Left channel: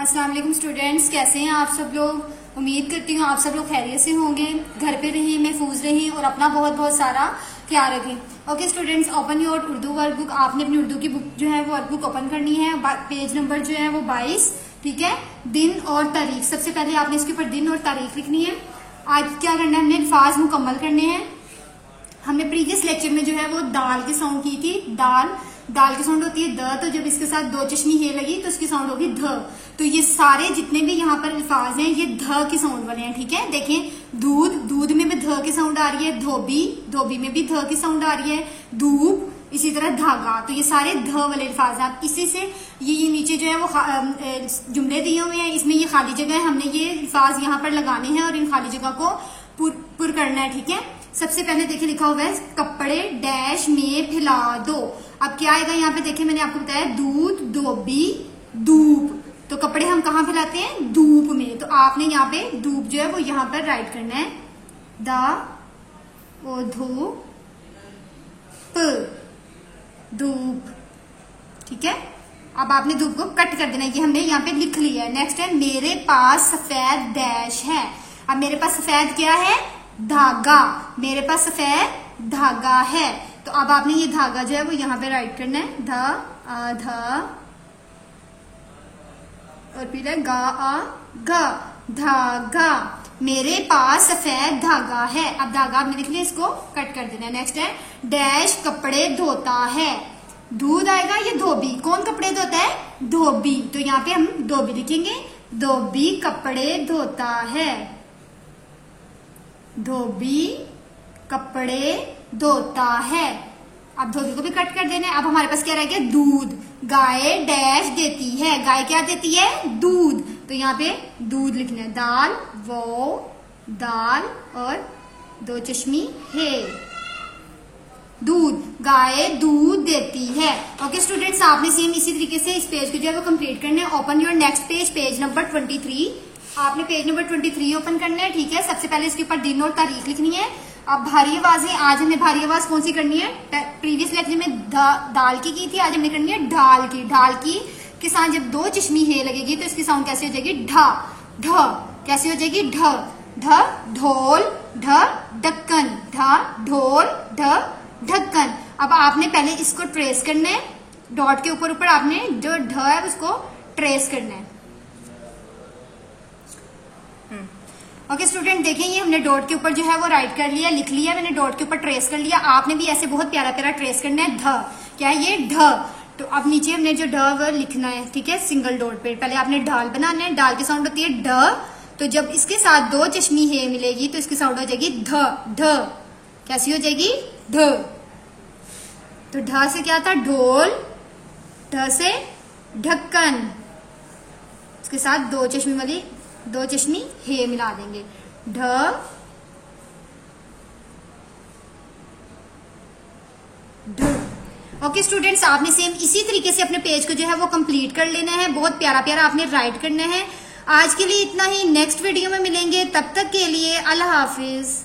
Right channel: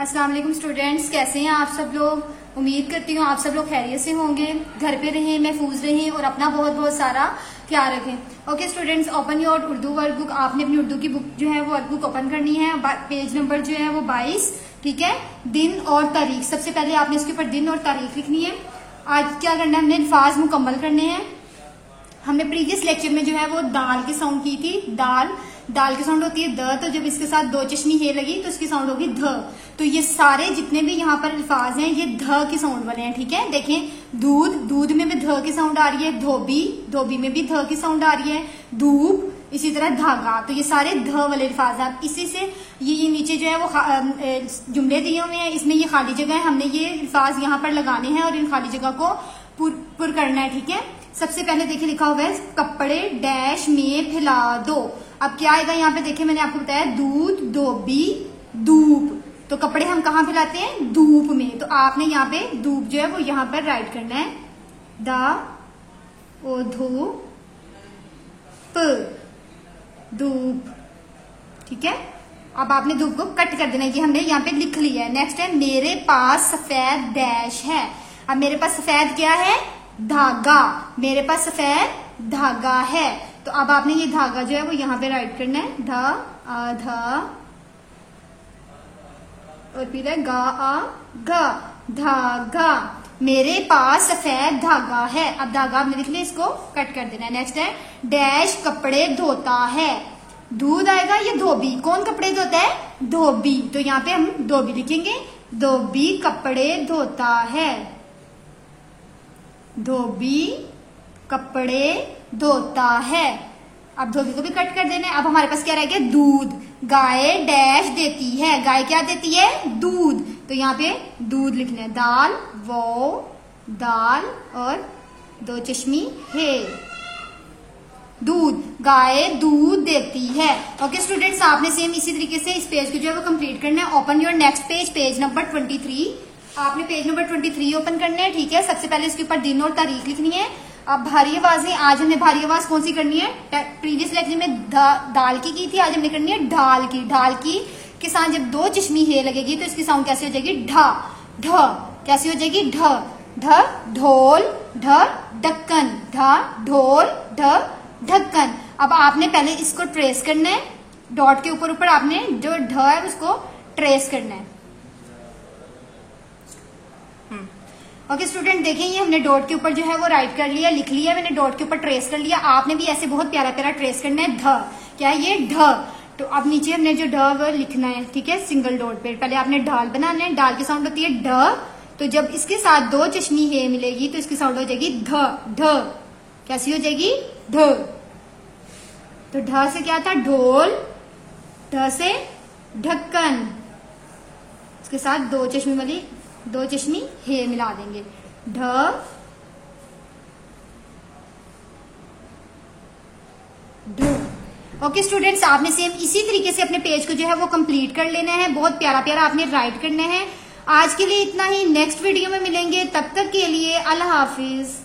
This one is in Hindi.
अस्सलाम वालेकुम स्टूडेंट्स, कैसे हैं आप सब लोग। उम्मीद करती हूँ आप सब लोग खैरियत से होंगे, घर पे रहें, महफूज रहें और अपना बहुत बहुत सारा ख्याल रखें। Okay students, open your Urdu workbook. आपने अपनी उर्दू की बुक जो है वो वर्कबुक ओपन करनी है। पेज नंबर जो है वो 22, ठीक है। दिन और तारीख, सबसे पहले आपने इसके ऊपर दिन और तारीख लिखनी है। आज क्या करना है, हमने अल्फाज मुकम्मल करने हैं। हमने प्रीवियस लेक्चर में जो है वो दाल की साउंड की थी। दाल की साउंड होती है द, तो जब इसके साथ दो चश्मी हे लगी तो इसकी साउंड होगी ध। तो ये सारे जितने भी यहाँ पर अल्फाज हैं ये ध की साउंड वाले हैं, ठीक है। देखें, दूध में भी ध की साउंड आ रही है, धोबी में भी ध की साउंड आ रही है, धूप, इसी तरह धागा। तो ये सारे ध वाले अल्फाज हैं। इसी से ये नीचे जो है वो जुमले दिए हुए हैं, इसमें ये खाली जगह है, हमने ये अल्फाज यहाँ पर लगाने हैं और इन खाली जगह को पुर करना है, ठीक है। सबसे पहले देखिए लिखा हुआ है कपड़े डैश में फैला दो। अब क्या आएगा यहाँ पे, देखिए मैंने आपको बताया दूध, धोबी, धूप। तो कपड़े हम कहाँ फैलाते हैं, धूप में। तो आपने यहाँ पे धूप जो है वो यहाँ पर राइट करना है, धूप, ठीक है। अब आपने धूप को कट कर देना है, कि हमने यहाँ पे लिख लिया है। नेक्स्ट है मेरे पास सफेद डैश है। अब मेरे पास सफेद क्या है, धागा। मेरे पास सफेद धागा है। तो अब आपने ये धागा जो है वो यहाँ पे राइट करना है, धा और फिर है धागा। मेरे पास सफेद धागा है। अब धागा आपने लिख लिया, इसको कट कर देना है। नेक्स्ट है डैश कपड़े धोता है। दूध आएगा, ये धोबी। कौन कपड़े धोता है, धोबी। तो यहाँ पे हम धोबी लिखेंगे, धोबी कपड़े धोता है, धोबी कपड़े धोता है। अब धोबी को भी कट कर देना है। अब हमारे पास क्या रह गया, दूध। गाय डैश देती है। गाय क्या देती है, दूध। तो यहाँ पे दूध लिखना है, दाल और दो चश्मी है, दूध। गाय दूध देती है। ओके स्टूडेंट्स, आपने सेम इसी तरीके से इस पेज को जो है वो कंप्लीट करना है। Open your next page, page number 23। आपने पेज नंबर 23 ओपन करना है, ठीक है। सबसे पहले इसके ऊपर दिन और तारीख लिखनी है। अब भारी आवाजें, आज हमने भारी आवाज कौन सी करनी है, प्रीवियस लेक्चर में दाल की थी, आज हमने करनी है ढाल की। ढाल की के साथ जब दो चश्मी हे लगेगी तो इसकी साउंड कैसे हो जाएगी, ढ। कैसे हो जाएगी, ढ, ढोल, ढक्कन, ढोल, ढक्कन। अब आपने पहले इसको ट्रेस करना है, डॉट के ऊपर आपने जो ढ है उसको ट्रेस करना है। ओके स्टूडेंट, देखिए ये हमने डॉट के ऊपर जो है वो राइट कर लिया, लिख लिया मैंने, डॉट के ऊपर ट्रेस कर लिया। आपने भी ऐसे बहुत प्यारा प्यारा ट्रेस करना है, ध। क्या है ये, ढ। तो अब नीचे हमने जो ढ वो लिखना है, ठीक है, सिंगल डॉट पे। पहले आपने ढाल बनाना है, डाल की साउंड होती है ढ। तो जब इसके साथ दो चश्मी हे मिलेगी तो इसकी साउंड हो जाएगी ध। कैसी हो जाएगी, ढ। तो ढ से क्या था, ढोल, ढ से ढक्कन, इसके साथ दो चश्मी हे मिला देंगे, ढ। ओके स्टूडेंट्स, आपने सेम इसी तरीके से अपने पेज को जो है वो कंप्लीट कर लेना है। बहुत प्यारा प्यारा आपने राइट करना है। आज के लिए इतना ही, नेक्स्ट वीडियो में मिलेंगे, तब तक के लिए अल्लाह हाफिज।